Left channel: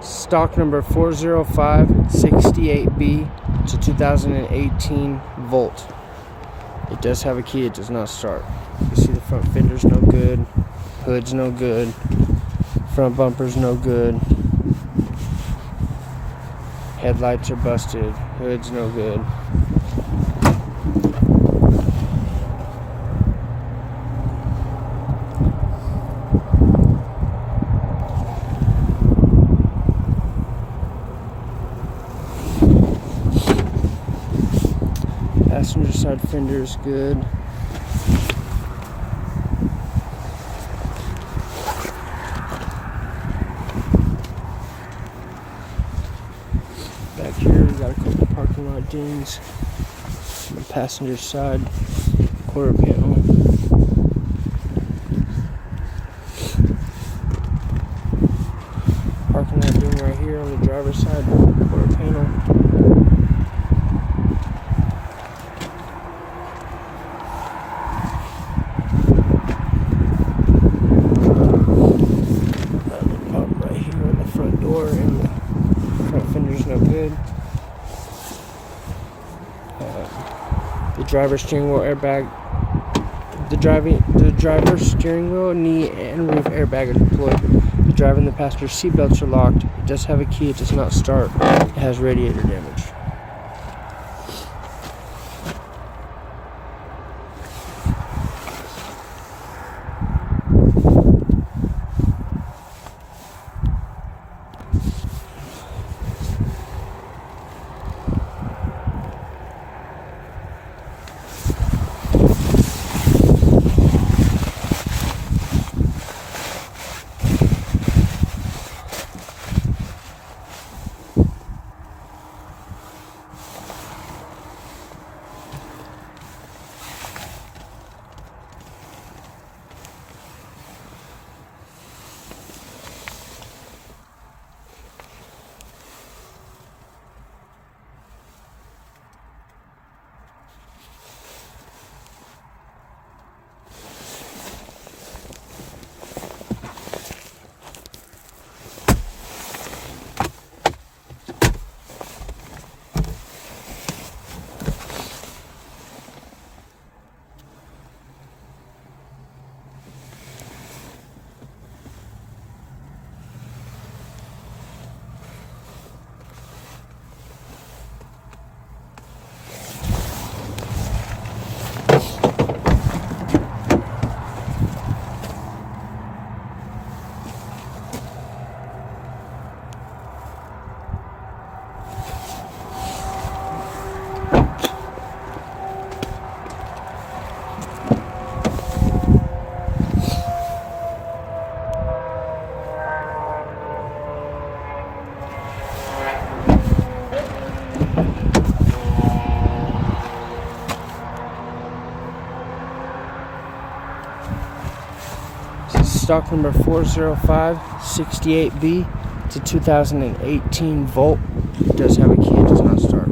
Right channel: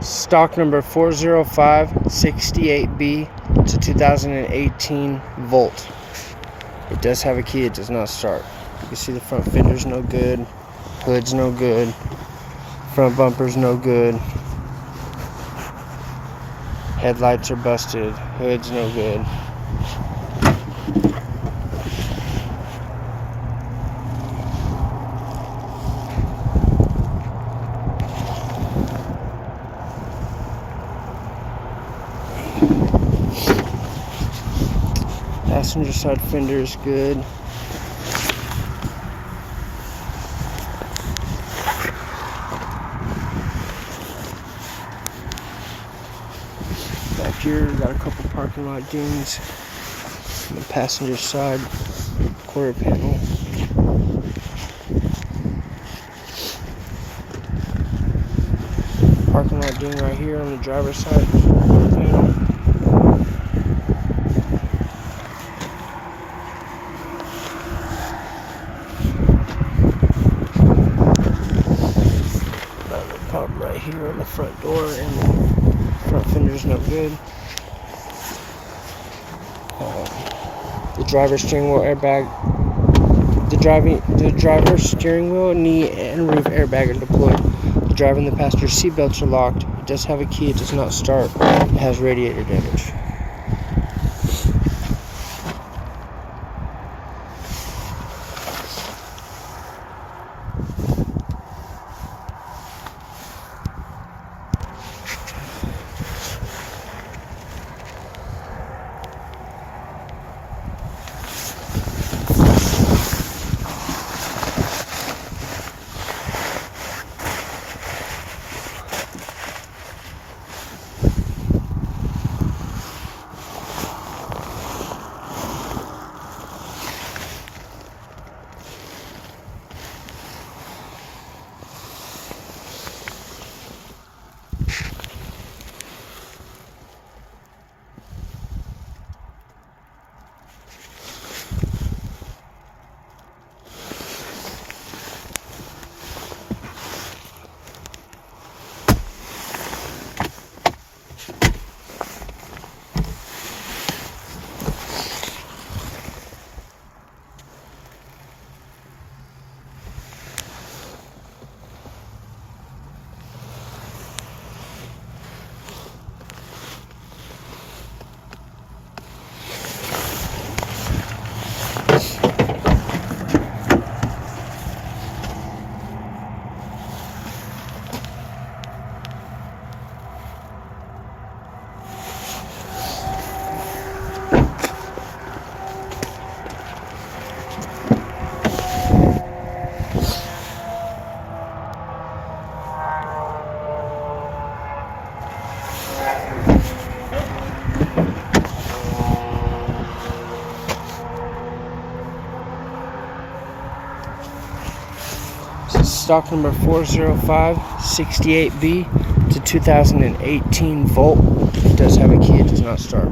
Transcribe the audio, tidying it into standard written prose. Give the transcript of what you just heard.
Stock number 40568B to 2018 Volt. It does have a key, it does not start. You can see the front fender's no good, hood's no good, front bumper's no good, headlights are busted, hood's no good. Passenger side fender is good. Back here, we got a couple parking lot dings. On the passenger side quarter panel. Parking lot ding right here on the driver's side quarter panel. Pump right here on the front door, and the front fender's no good. The driver's steering wheel airbag, the driver's steering wheel, knee, and roof airbag are deployed. The driver and the passenger seat belts are locked. It does have a key. It does not start. It has radiator damage. Stock number 40568B to 2018 Volt. It does have a key, it does not start.